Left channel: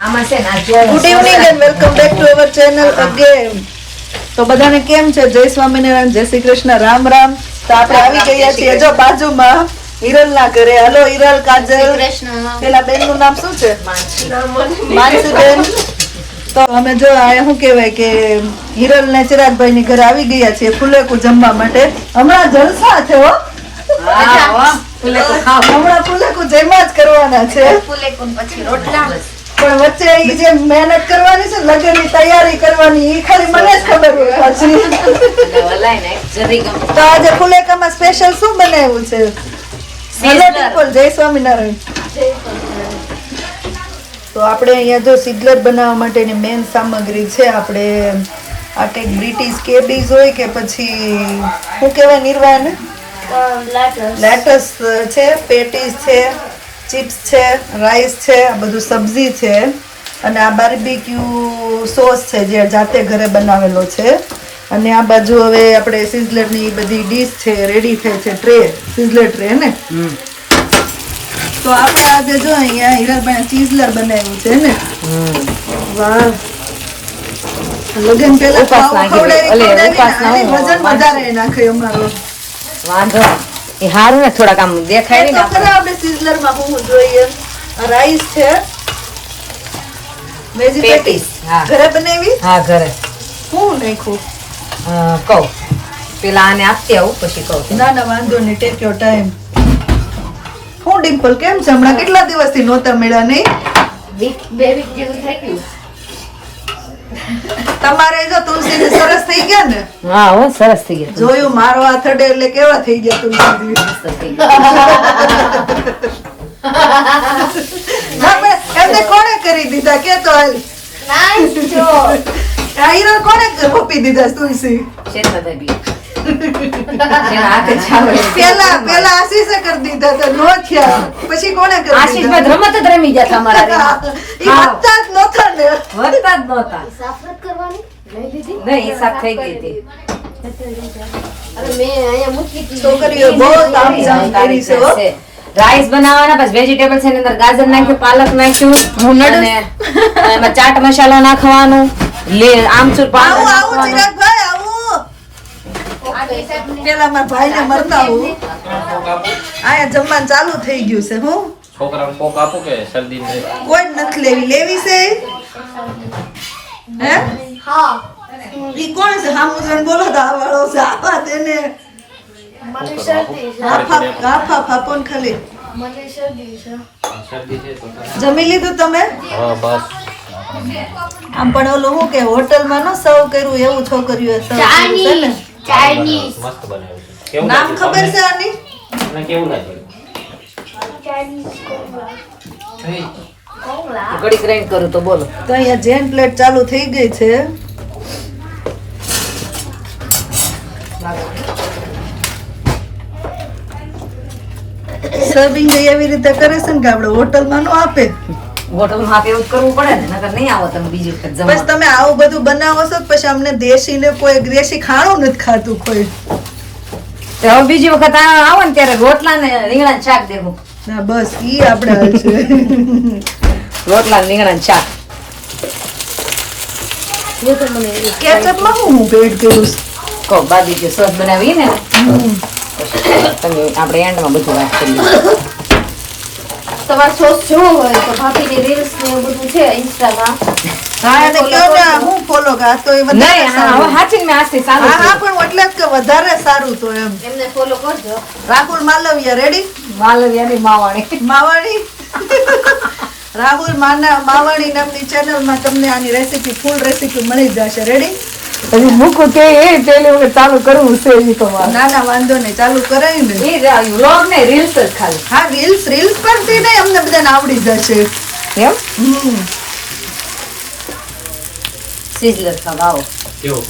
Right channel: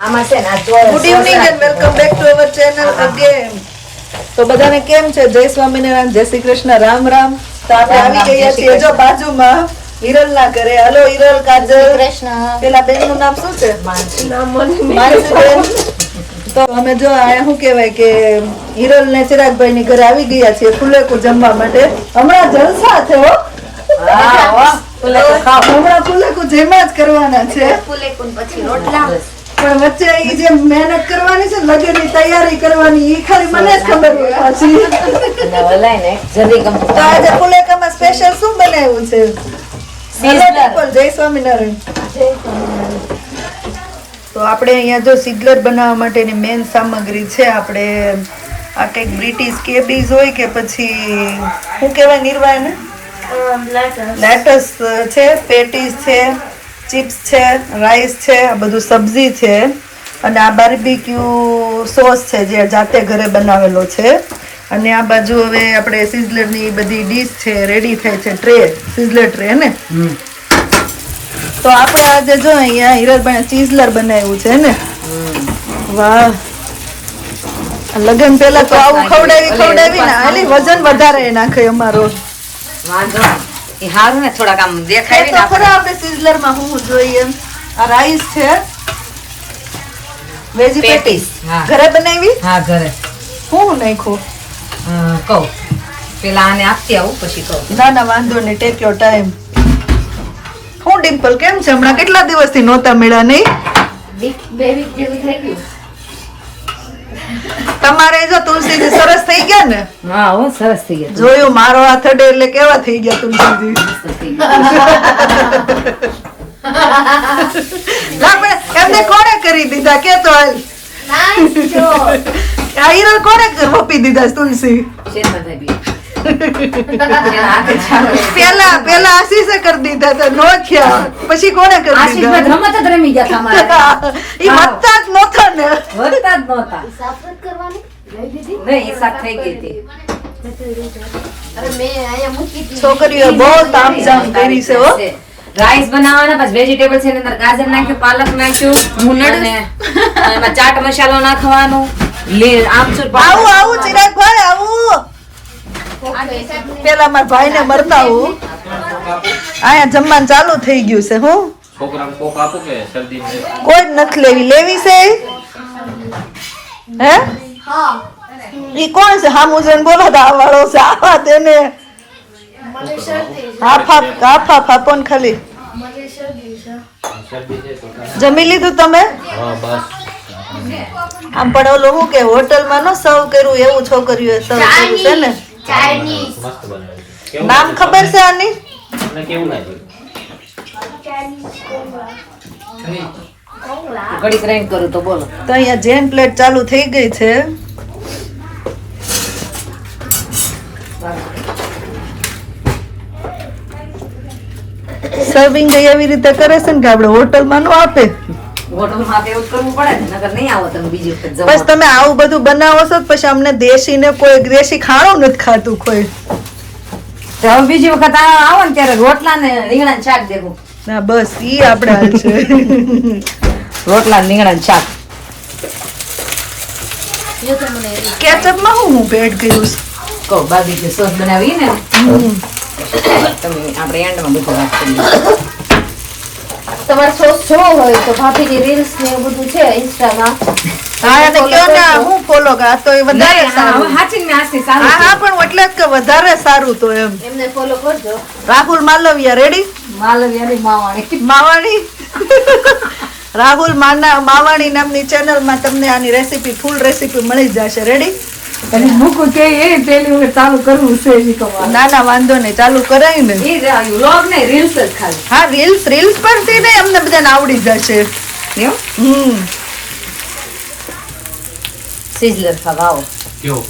આ good evening and welcome back to our channel again તો બધાને કેમ છે? જય સ્વામિનારાયણ જય શ્રી કૃષ્ણ રામ રામ. તો આપણે આવી ગયા છીએ જો બાજુમાં હિરલ ના ઘરે. હલો હિરલ કાજલ. કૃષ્ણ. પેલા બેનનું નામ શું છે? માનસીબેન. તો અમે જો અહીંયા શું કહેવાય કે હિરલ ને ચિરાગભાઈ ની ઘરે આવી ગયા છીએ ફુલેકુ જમવા માટે. હમણાં જલસા છે હો. હમણાં ફુલેકુ જેમાં જ કરવાના છે. ફુલેકુ પછી રોટલા. પણ વચ્ચે જે મહેનત કરવાની છે ને લગ્નની તૈયારી કરવાની એ ખાલી મને જ ખબર હોય પાછી. તો આજે ફુલેકામાં સ્પેશિયલ શું બનાવ્યું છે. જય સ્વામિનારાયણ. તો આપણે અહીંયા જો સિગલર બનાવવા માટેની મેન સામગ્રી છે આપણે આ કંઈક બ્રિટિશ કેબીઝ હોય કે પછી શું કહેવાય નિર્વાહ ને લેટસ છે પેટીસ છે. ચિપ્સ છે રાઈસ છે આ બધું સબ્જી છે અને આ બાર્બીક્યુ સોસ છે જે જાતે ઘરે બનાવેલો છે. અને આ બાજુ હવે આપણે સિઝલરની બધી ડીશ છે રેડી થઈ છે ટ્રે સિઝલર ટ્રે ને? તો આપણે આજે જો અહીંયા હિરલભાઈ ચીઝલર બનાવ્યું છે ને? વાહ. લગન પહેલા તો આવું ખવડાવી ખવડાવી ને આની વજન વધારે નાખે અમારો. વાંધો. એ હારું ને થોડાક આમ દેખાય તો ખરા આપણે સિઝલરમાં હું જોઈએ? આ રાઈસ છે. વેજી પેટીસ હા. ઘરે બનાવી? હા ઘરે. હું નાખું કહું. પેલા આને આપતી આવું પછી કહું. ના ના વાંધો નહીં ટેક યોર ટાઈમ હું ડિમ્પલ કેમ છે? હમણાં કેટલા દિવસથી નહોતા મળ્યા નહીં? તમારે જો તુલસીજી સરસ થઈ ગયા ને? હા હો સરસ થઈ ગયા. જોયું મારો હાથ અડે એટલે કેવા થઈ ગયા તુલસીજી? એમને કોણે કરી દીધા? કે તો આ હીરા કોણે રોપી દીધા તુલસી? ચાલે. પેલા પેલા આશીષે કરી દીધા તો નો થયા. પછી કોણે કરી આશીષભાઈ દીધા રમત જ રમી ગયા તમારા ઈ વધતા જ નહોતા ને. વધતા જ નહોતા. નહીં એ થઈ ગઈ હતી. છોકરીઓ બહુ તામઝામ કરી છે રાઈસ બનાવવાના પછી વેજીટેબલ છે એની અંદર ગાજર નાખ્યું પાલક નાખ્યું મુનડ એમાં ચાટ મસાલો નાખવાનો. લે આમચૂર આવું આવું ચિરાગભાઈ આવું. પેલા મારા ભાઈ ને મરતા આવું અહીંયા જમવાનું ચાલુ થઈ ગયું છે હું. કોઈ જ નથી લેવી. લેવી છે? હે? એ કોણ છે? હામું જોઈને બોલો તો આ વાળો છે. આવા તેને હાફા હાફા ફાપોન ખાલી. જમી લીધું તમે? આમ પણ ઓલું હું કે હોટલમાં ન સર્વ કર્યું એવું છોકરીઓ સર્વ કર્યું છે ને? મસ્ત બનાવ્યું છે. કેવું નામ ખબર છે આની? તમને કેવું લાગ્યું? ઘડીક રહીને કરું તો બોલો. તો અહીંયા જેન પ્લેટ ચાલુ થઈ ગઈ છે. સર્વિંગ આવી રીતે કરે છે ને કે આપણે હોટલમાં નો આપે? આવો તમે બીજી વખત બસ તમે આવું બધું બનાવો છો તો પછી અમને દેશી ને કોઈ દેશી ખાણું નથી ખાતું કોઈ. હવે બીજી વખત આવો ને ત્યારે રોટલા ને રીંગણા ને શાક દેવું. ના બસ ઈ આપણે હાલ છે. રોટલા રીંગણા ને શાક હું હું ભેટ કર્યું છે? કહો સોસ બનાવી ને. આપણે એન્ડમાં બધું વાત તમારે શોખ જોવો હોય તો ભાભીની રીલ્સ ને એવું બધું છે ઇન્સ્ટામાં હા અને કયો ને હું ફોલો આ તો એ વધારે સારું. હવે હાચી ને આસ્તે હા હા પણ એટલે જ કે વધારે સારું તો એમ. એમને ફોલો કરજો. રાહુલ માલવિયા રેડી માલવિયાની માવાણી. માવાણી? રાહુલ માના માવાણી નામની ચેનલમાં તમને આની રેસીપી ફૂલ રેસીપી મળી જશે. રેડી એનું મૂકું કે એ પેલી ચાલુ કરવું છે એ તો ના ના વાંધો નહીં ચાલુ કરાય ને. એ વ્લોગ ને રીલ્સ જ ખાલી. હા રીલ્સ રીલ્સ પરથી ને અમને બધાને આવડી જશે. એમ? હમ. સિઝલર ખાવા કેવો?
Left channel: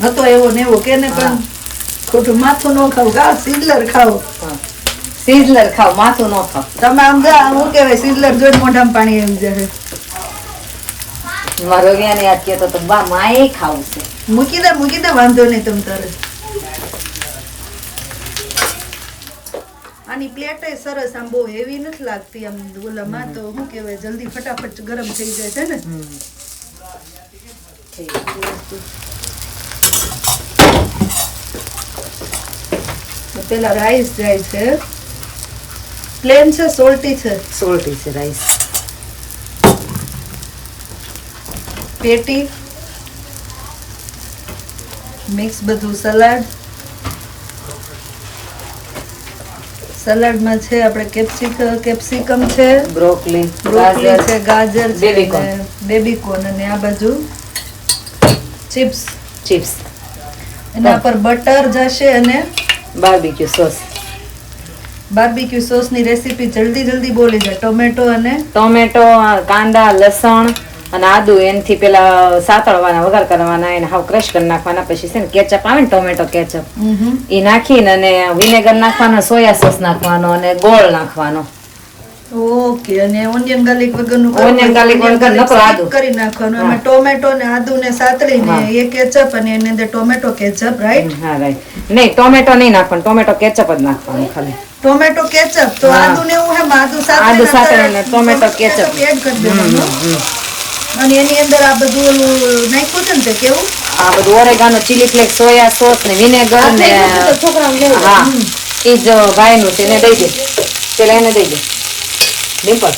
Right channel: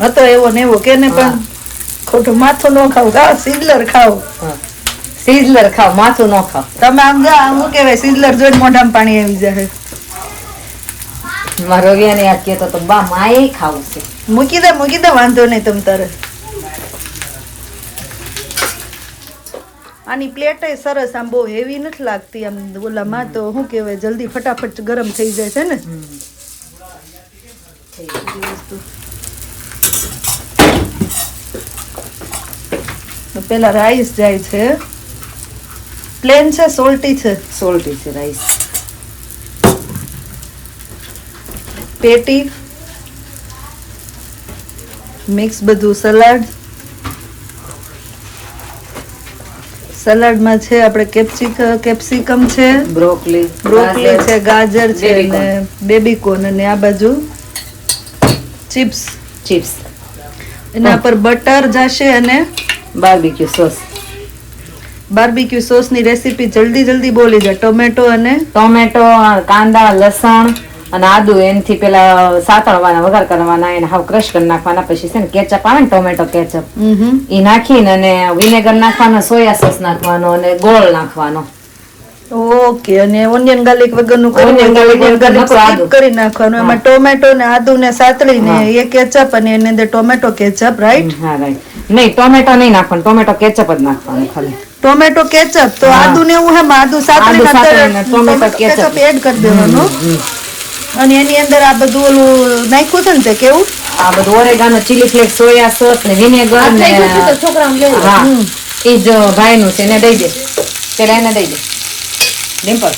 હતો એવો ને એવો કે ને પણ ખોટું માથું ન ખાવ. ગા સિઝલર ખાવ. સિઝલર ખાવ માથું ન ખાવ. તમે આમ જા શું કહેવાય સિઝલર જોઈને મોઢામાં પાણી આવી જાય મારો રવિયાને યાદ કહેતો તો બા માએ ખાવું છે મૂકી દે મૂકી દે વાંધો નહીં તમ તારે. આની પ્લેટ સરસ આમ બહુ હેવી નથી લાગતી. આમ ઓલામાં તો શું કહેવાય જલ્દી ફટાફટ ગરમ થઈ જાય છે ને. પેલા રાઈસ જાય છે. પ્લેન છે સોલ્ટી છે? સોલ્ટી છે રાઈસ પેટી મિક્સ બધું સલાડ. સલાડમાં છે આપણે કેપ્સિક કેપ્સિકમ છે બ્રોકલી બ્રોકલી છે ગાજર છે. અને બેબીકોન અને આ બાજુ ચિપ્સ. ચિપ્સ. એના પર બટર જશે અને બાર્બીક્યુ સોસ. બાર્બીક્યુ સોસની રેસીપી જલ્દી જલ્દી બોલી જાય. ટોમેટો અને ટોમેટો કાંદા લસણ અને આદુ એનથી પેલા સાતળવાના વઘાર કરવાના એને હાવ ક્રશ કરી નાખવાના. પછી છે ને કેચઅપ આવે ને ટોમેટો કેચઅપ એ નાખીને અને વિનેગર નાખવાનો સોયા સોસ નાખવાનો અને ગોળ નાખવાનો. ઓકે અને ઓનિયન ગાર્લિક વગરનું skip આદુ. કરી નાખવાનું. એમાં ટોમેટો ને આદુ ને સાતળીને એ કેચઅપ અને એની અંદર ટોમેટો કેચઅપ રાઈટ હા રાઈટ નહીં ટોમેટો નહીં નાખવાનું ટોમેટો કેચઅપ જ નાખવાનું ખાલી. ટોમેટો કેચઅપ તો આદુ ને એવું હેમ આદુ સાતળીને આદુ ટોમેટો ketchup એડ કરી દેવાનું. અને એની અંદર આ બધું ઓલું નાખ્યું છે ને તે કેવું? આ બધું oregano chilli flakes soy sauce ને વિનેગર ને હા એ જ ભાઈનું છે એને દઈ દે. પેલા એને દઈ દે. ડિમ્પલ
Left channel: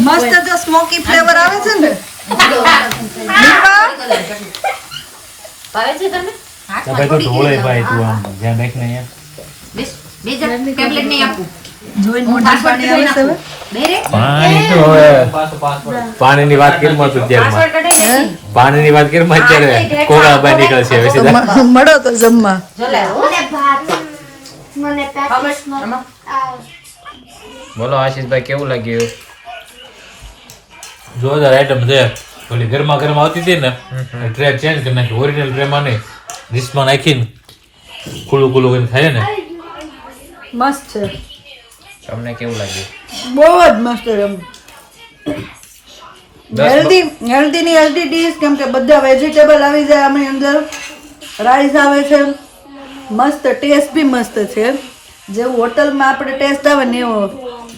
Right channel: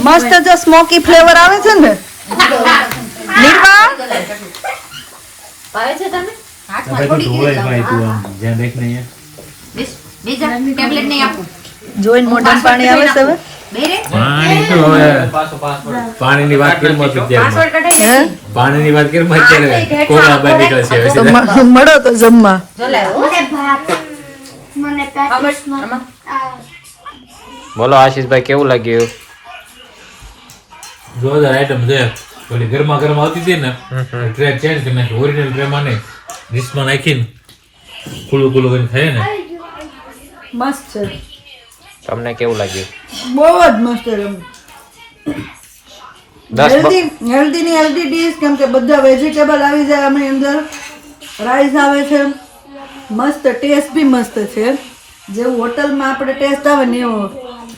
મસ્ત જો સ્મોકી ફ્લેવર આવે છે ને. જોઈન ભાવે છે તને મોઢા પાણી આવે છે હવે? પાણીની વાત કરી માં અત્યારમાં. પાણીની વાત કરી અત્યારે બહાર નીકળશે મળો તો જમવા. બોલો આશીષભાઈ કેવું લાગ્યું? જોરદાર આઈટમ છે. ઓલી ગરમા ગરમા આવતી હતી ને ટ્રે ચેન્જ કરી નાખી. ઓરિજિનલ ટ્રેમાં નહીં ડીશમાં નાખીને ખુલ્લું ખુલ્લું કરીને થાય ને. મસ્ત છે. તમને કેવું લાગ્યું? બહુ જ મસ્ત હેલ્ધી હેલ્ધી ની હેલ્ધી ડીશ કેમ કે બધા વેજીટેબલ આવી જાય આમની અંદર. રાઈસ આવે છે. મસ્ત ટેસ્ટ બી મસ્ત છે. જેવું હોટલમાં આપણે ટેસ્ટ આવે ને એવો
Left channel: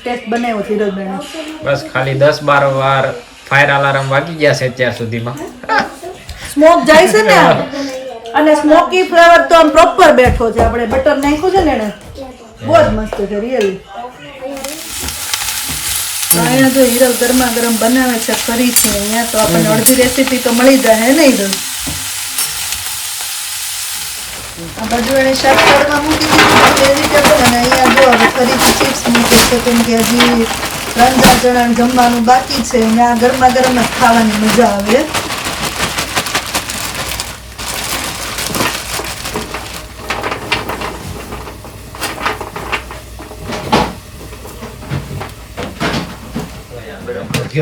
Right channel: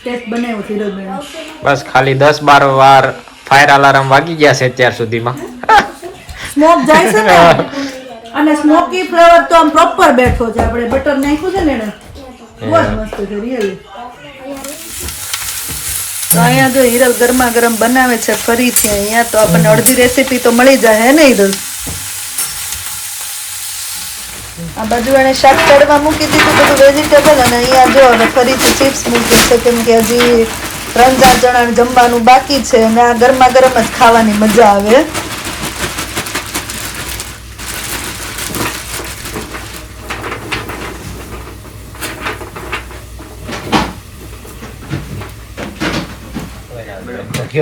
ટેસ્ટ બનાવ્યો ધીરજભાઈ બસ ખાલી દસ બાર વાર ફાયર અલાર્મ વાગી ગયા છે અત્યાર સુધીમાં. સ્મોક જાય છે ને? અને સ્મોકી ફ્લેવર તો આમ પ્રોપર બેઠો છે. આપણે બટર નાખ્યું છે ને એને? બહુ જ મસ્ત છે રિયલી અહીંયા જો હિરલ ગરમા ગરમ બનાવે છે ફરીથી અહીંયા તો આપણને અડધી રેસીપી તો મળી જાય હે ને હિરલ આ બધું એને શાક તળવા મૂકી દીધું બધું વેજીટેબલ અને અહીંયા જો અને ફરીથી ચિપ્સ મૂકે છે કેમ કે હજી ત્રણ ચાર જણા જમવાનું બાકી છે અને આ ગરમા ગરમ જ ખાવાની મજા આવે.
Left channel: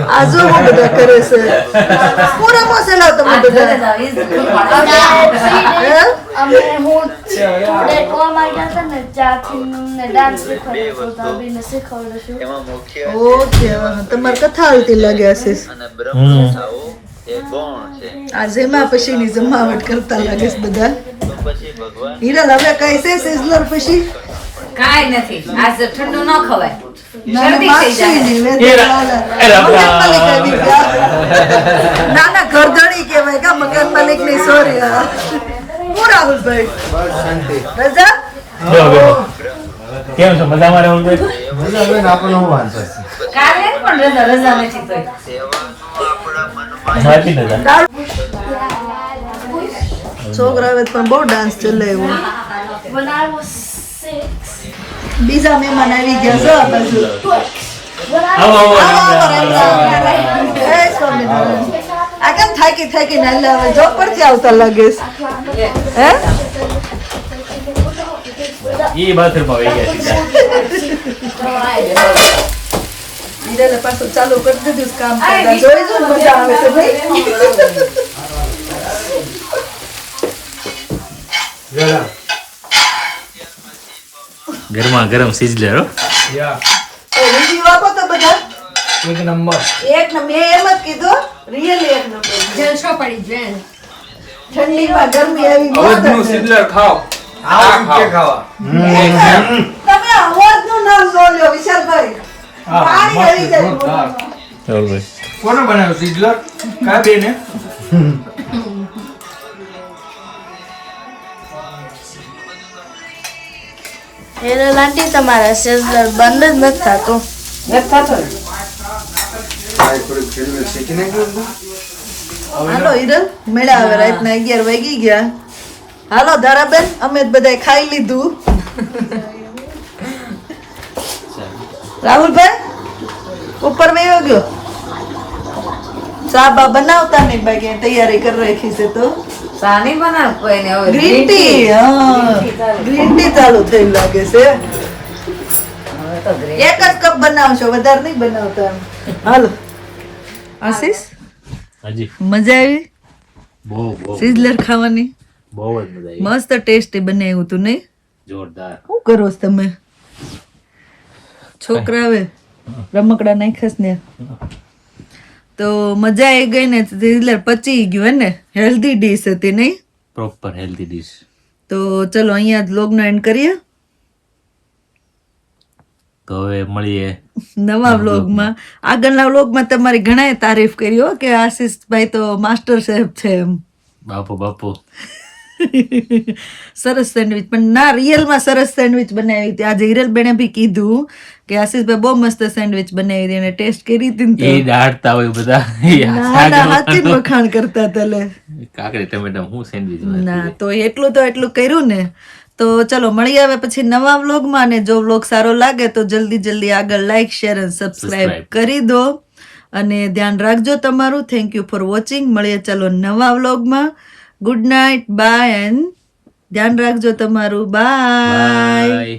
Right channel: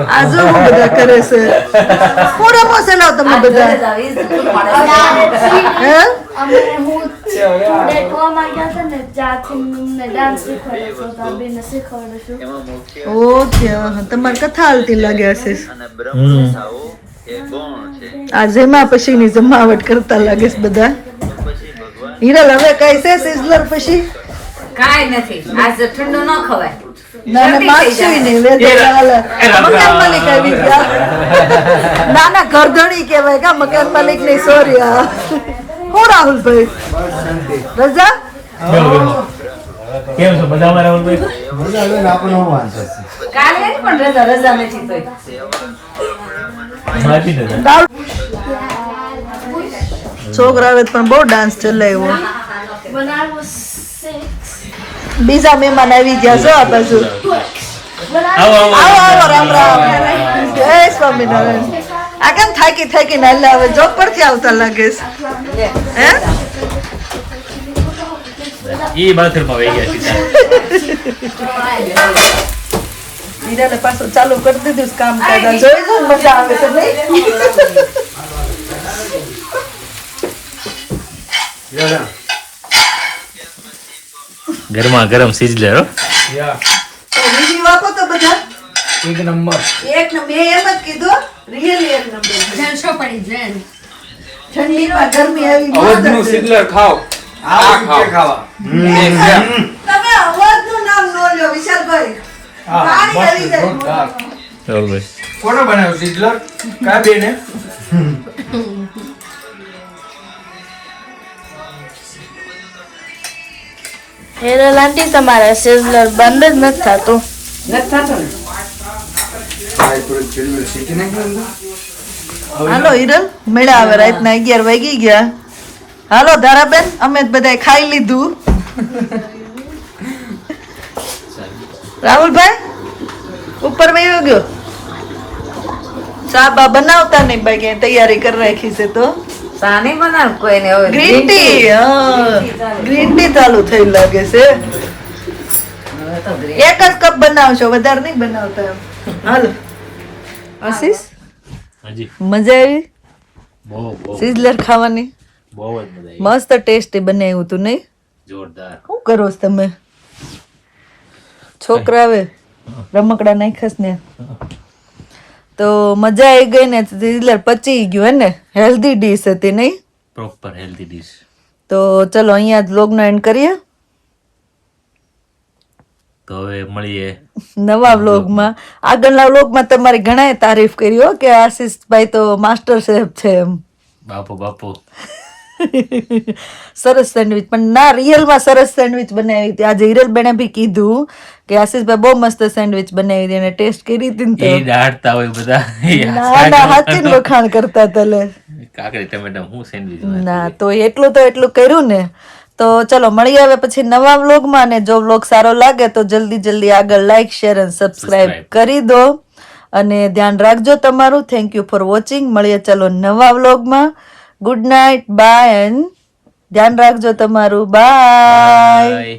આ જો હું બધા કરે છે. રમો છે તમે બધા. હે? અમે ટુડે ને ડાન્સ તો શીખવાડું છું. ઓકે તમારે કથા હાલતી લાગ્યા છે. આ જેમાં પછીની જમાવટ કરતા લાગે છે બધા. હિરલ હવે કઈ છે સિઝલર પછી? કાંઈ નથી. આજે ઠંડુ ન ખવાય. ના ના થઈ મકાન માલિક ના ના ઘરધણી કહેવાય કા મકાન માલિક નહીં સોરી હા હું રાહુલભાઈ રજા કેમ છે મજામાં રાહુલભાઈ કાલે પણ રજા રજા નથી દાળ પણ બહુ ડાન્સ ચલાવ્યો six, બીજા મહેમાન આવી ગયા છો આ બાજુ આવો આવો રામ રામ. જય સ્વામિનારાયણ. આ કેમ થાકી થાકી ના આવે જોબ પરથી આવતા લાગે છે. હે? ઈ બાથરૂમમાં વહી ગયા સીધા. પાછું ચાલુ કરી દીધું કામ કરતા. જોઈ જો મજા આવે ભાઈ. ગરમા ગરમ સિઝલર હો. તો review આપો તો બધા. એક નંબર. એક નંબર. એમ જ કીધું રિયલી એક નંબર. જલસો પડી જાય ઠંડીમાં ગરમી આવી બહુ જ ખાઓ. આ કે ખાવા. તમે અવાજનું નામ ન લ્યો વિશાલભાઈ. હા મસ્ત કોનો બનાવ્યો સિઝલર કા બેને હેરલ આંટી તમારા સેઝલર બંધ જ નથી થતું. નથી થતું હાલો હિરલ મેળા આવે રાતના અગિયાર વાગી ગયા. હાલો ધારાબેન અમે જ બધાય ખાઈ લીધું. રાહુલભાઈ ઉપર વયો ગયો? ચા બા બનાવતા નહીં બાકી તૈયારી કરી રાખી છે તો. ચા નહીં બનાવ કોઈને હવે ગ્રીન ટી હા ગ્રીન ટી ચાલુ થઈ લાગે છે. એક જ કપ બનાવશો વધારે નહીં બનાવતા એમ. હાલો. આશીષ? હજી. મજા આવી? બહુ બહુ. સિઝલર ખાવાની? બહુ જ મજા આવી. મસ્ત ટેસ્ટી બનાવ્યું તું નહીં? જોરદાર. શું કરો છો તમે? છોકરા આવે. રમકડા નાખસ ને. તો મજા આવી ગઈ ને સિઝલર પચી ગયું હે ને? હેલ્ધી ડીશ હતી નહીં? પ્રોપર હેલ્ધી ડીશ તો ચલો અહીંયા જ લોગનો એન્ડ કરીએ. તો હવે મળીએ નવા વ્લોગમાં આગળના વ્લોગમાં તમારી ઘણાએ તારીફ કરી હો કે આશીષભાઈ તો માસ્ટર શેફ છે એમ. બાપુ બાપુ. સરસ સેન્ડવિચ. પણ ના રિયલમાં સરસ સેન્ડવિચ બનાવી હતી. આજે હિરલબેને બી કીધું કે આશીષભાઈ બહુ મસ્ત સેન્ડવિચ બનાવી હતી અને ટેસ્ટ કરી હતી એ તો. દાડતા હોય બધા. ના ના હાથી જ વખાણ કરતા તલે કાકડી ટમેટા હું સેન્ડવિચ ના તો એટલું તો એટલું કર્યું ને. તો ચલો મળી આવે પછી નવા વ્લોગમાં અને જો વ્લોગ સારો લાગે તો જલ્દી જલ્દી આગળ લાઈક શેર અને સબસ્ક્રાઇબ કરી દો. અને ધ્યાન રાખજો તમારું. થેન્ક યુ ફોર વોચિંગ મળીએ ચલો નવા વ્લોગમાં. ગુડ નાઇટ બાય એન્ડ ધ્યાન રાખજો તમારું. બાય